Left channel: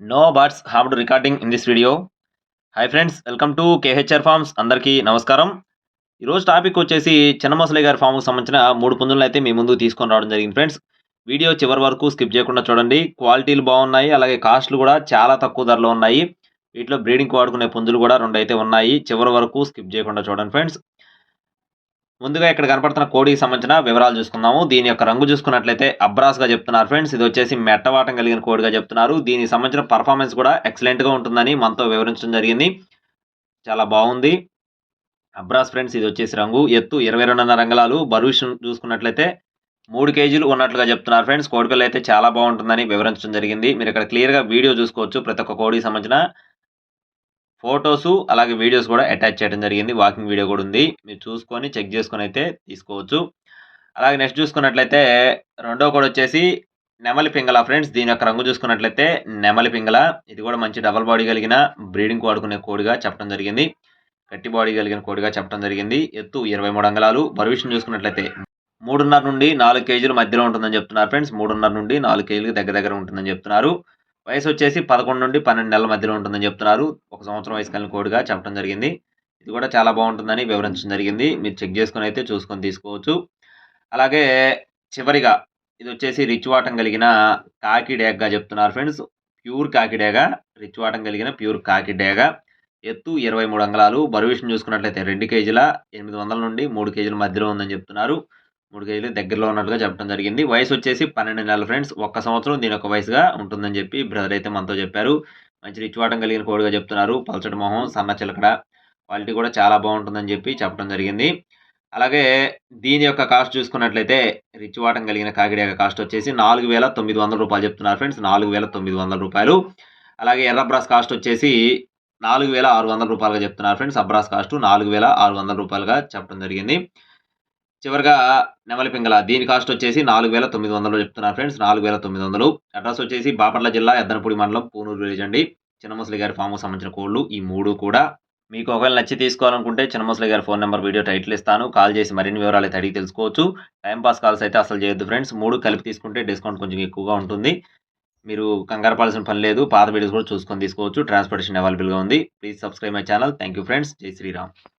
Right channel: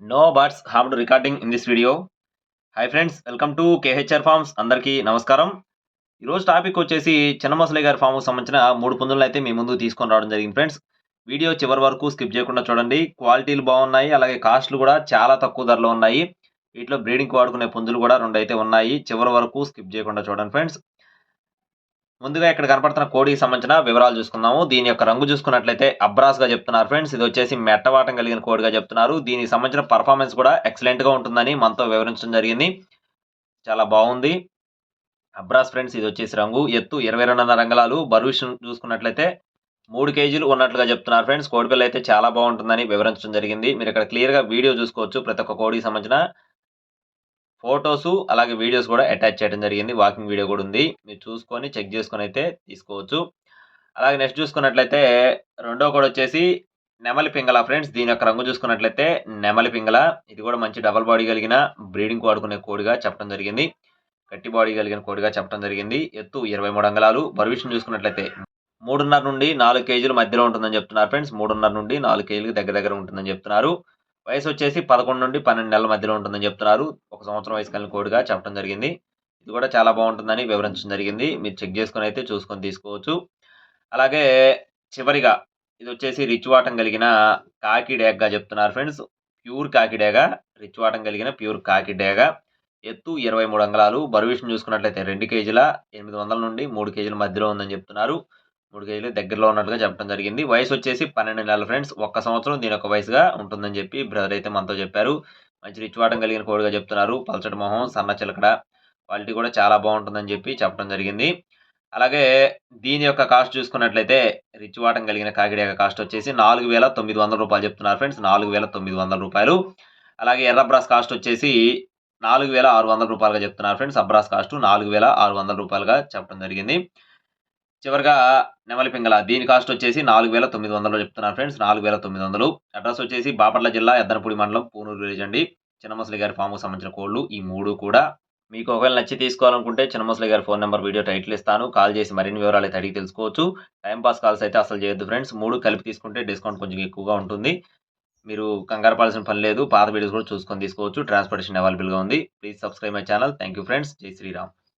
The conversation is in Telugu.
No birds have to recording in this video hi friends welcome to KHR farms అందరికీ నమస్కారం. ఈరోజు టాపిక్ వచ్చేసి చిన్నమసలి గారి ఫామ్కి సంబంధించిన మూడు పుంజులను అయితే మీ ముందు తీసుకొని రావడం జరిగింది ఫ్రెండ్స్ వీడియో చివరి వరకు స్కిప్ చేయకుండా చూడండి. క్వాలిటీలు బాగున్నాయి అలాగే కాస్ట్లు కూడా చాలా తక్కువ ధరలో ఉన్నాయి. వీటిలో బ్రీడింగ్ వాడుకునే పుంజులు కూడా రెండు అయితే ఉన్నాయి. చివరి వరకు స్కిప్ చేయకుండా చూడండి ఫ్రెండ్స్ ముందుగా ఇక్కడ కనపడుతున్న కోడికి సంబంధించిన వివరాలు చూసుకుందాము. దీని యొక్క రంగు చూసుకున్నట్లయితే అబ్రాస్గా చెప్తున్నారు ఫ్రెండ్స్. ఇది వచ్చేసి మెట్టవాటం కలిగిన కోడిగా చెప్తున్నారు. దీనికి సంబంధించిన పర్ఫార్మెన్స్ కూడా ఎక్సలెంట్గా ఉంటుందని మనతో వివరించడం జరిగింది. చాలా బాగుంది. అబ్రాస్ ఫ్రెండ్స్ ఇది వచ్చేసి రంగు. ఎత్తు ఇరవై రెండున్నర రంగులాలు. బరువు చూసుకున్నట్లయితే మూడు కేజీలు ఉన్నట్లుగా చెప్తున్నారు ఫ్రెండ్స్. కోడిపిల్ల అయితే చాలా బాగుంటుందని వివరించడం జరిగింది. మీరు ఇక్కడ క్లియర్గా వీడియో చూసుకోవచ్చు. ప్రతి ఒక్క కోడికి సంబంధించిన ఫొటోస్ అలాగే వీడియోస్ కూడా అటాచ్ చేయడం జరిగింది. వాకింగ్ వీడియో కూడా ఉంది. మీరు చూసుకొని చెక్ చేసుకొని అయితే తీసుకోవచ్చు. అలాగే నెక్స్ట్ చూసుకున్నట్లయితే రెండో కూడా వచ్చేసి నెమలి పింగళ ఫ్రెండ్స్. దీని యొక్క రంగు చూసుకున్నట్లయితే నెమలి పింగళ. ఇది కూడా మంచి డబల్ బాడీ కలిగిన బ్రీడింగ్ వాడుకునే కోడిగా చెప్పడం జరిగింది. గట్టి బాడీ కలిగిన కోడిగా చెప్పడం జరిగింది. ఎత్తు ఇరవై మూడు అంగళాలు. బరువిషన్ చూసుకున్నట్లయితే మూడున్నర నుండి నాలుగు కేజీల మధ్యలో ఉంటుందని చెప్తున్నారు ఫ్రెండ్స్. మూడున్నర నుండి నాలుగు కేజీలకు దగ్గర దగ్గర ఉంటుందని చెప్తున్నారు. వయసు వచ్చేసి పదకొండు నుండి పన్నెండు నెలల మధ్యలో ఉంటుందని చెప్తున్నారు. ఒక సంవత్సరం వయసు కలిగిన కోడిగా చెప్పడం జరిగింది. ఇది కూడా చాలా బాగుంటుందని వివరించడం జరిగింది. మీరు చెక్ చేసుకొని అయితే చూసుకొని తీసుకోవచ్చు. అలాగే చివరిగా ఇది వచ్చేసి రిచ్ వాటం కలిగిన కాకి డేగ్గా చెప్తున్నారు ఫ్రెండ్స్. ప్యూర్ కాకి డేగ రిచ్ వాటం కలిగిన ప్యూర్ కాకి డేగ. ఎత్తు ఇరవై మూడు అంగళాలు. బరువు విషయం చూసుకున్నట్లయితే రెండు కేజీల ఎనిమిది వందల నుండి మూడు కేజీల మధ్యలో ఉందని చెప్తున్నారు. మూడు కేజీలు దగ్గరలో ఉన్నట్టుగా చెప్పడం జరిగింది. వయసు వచ్చేసి పన్నెండు నెలల ఫ్రెండ్స్. ఒక్క సంవత్సరం దీని ఒక వయసుగా ఉంటుందని చెప్పి బ్రదర్ అయితే మనతో చెప్పారు. మంచి రిచ్ వాటం కలిగిన కోడిగా చెప్తున్నారు. పల్చటి మొహం సన్న చిలకడ క్వాలిటీ కూడా చాలా బాగుంటుందని చెప్పి చెప్పడం జరిగింది. అలాగే దీని యొక్క కాస్ట్ చూసుకున్నట్లయితే రిచ్ వాటం కలిగిన కాకిడేక కాస్ట్ వచ్చేసి నాలుగు వేల తొమ్మిది వందల రూపాయలు చెప్తున్నారు ఫ్రెండ్స్. నాలుగు వేల తొమ్మిది వందల రూపాయలు. అలాగే ఎర్రబ్రాస్ కాస్ట్ వచ్చేసి నాలుగు వేల ఆరు వందల రూపాయలుగా చెప్తున్నారు ఫ్రెండ్స్. అబ్రాస్ కాస్ట్ నాలుగు వేల ఆరు వందల రూపాయలుగా చెప్పడం జరిగింది. చివరిగా నెమలి పింగళ దీని కాస్ట్ వచ్చేసి నాలుగు వేల తొమ్మిది వందలు చెప్తున్నాను ఫ్రెండ్స్ నాలుగు వేల తొమ్మిది వందలు. అడ్రస్ వచ్చేసి బాపట్ల జిల్లా ఎద్దనపూడి మండలం పూనూరు విలేజ్ అండి. చిన్నమసలి గారి ఫామ్కు సంబంధించిన కోళ్ళు ఈ మూడు కూడా. మీకు ఒకవేళ నచ్చి తీసుకోవాలనుకుంటే చిన్నమసలి గారి ఫోన్ నెంబర్ వీడియో టైటిల్ ఇస్తాను. కాల్ చేసి మరిన్ని వివరాలు అయితే అడిగి తెలుసుకోవచ్చు. టైంపాస్ కాల్స్ అయితే అసలు చేయొద్దు ఫ్రెండ్స్ మూడు కలిపి తీసుకుంటే డిస్కౌంట్ కొంచెం ఎక్కువగా ఉంటుంది. మీరు కంగారు పడాల్సిన పని లేదు. పాత వీడియోస్ కూడా చూసుకొని తీసుకోవచ్చు. ట్రాన్స్పోర్టేషన్ అవైలబుల్గా ఉంది. Please subscribe my channel thank you friends జై శ్రీరామ్.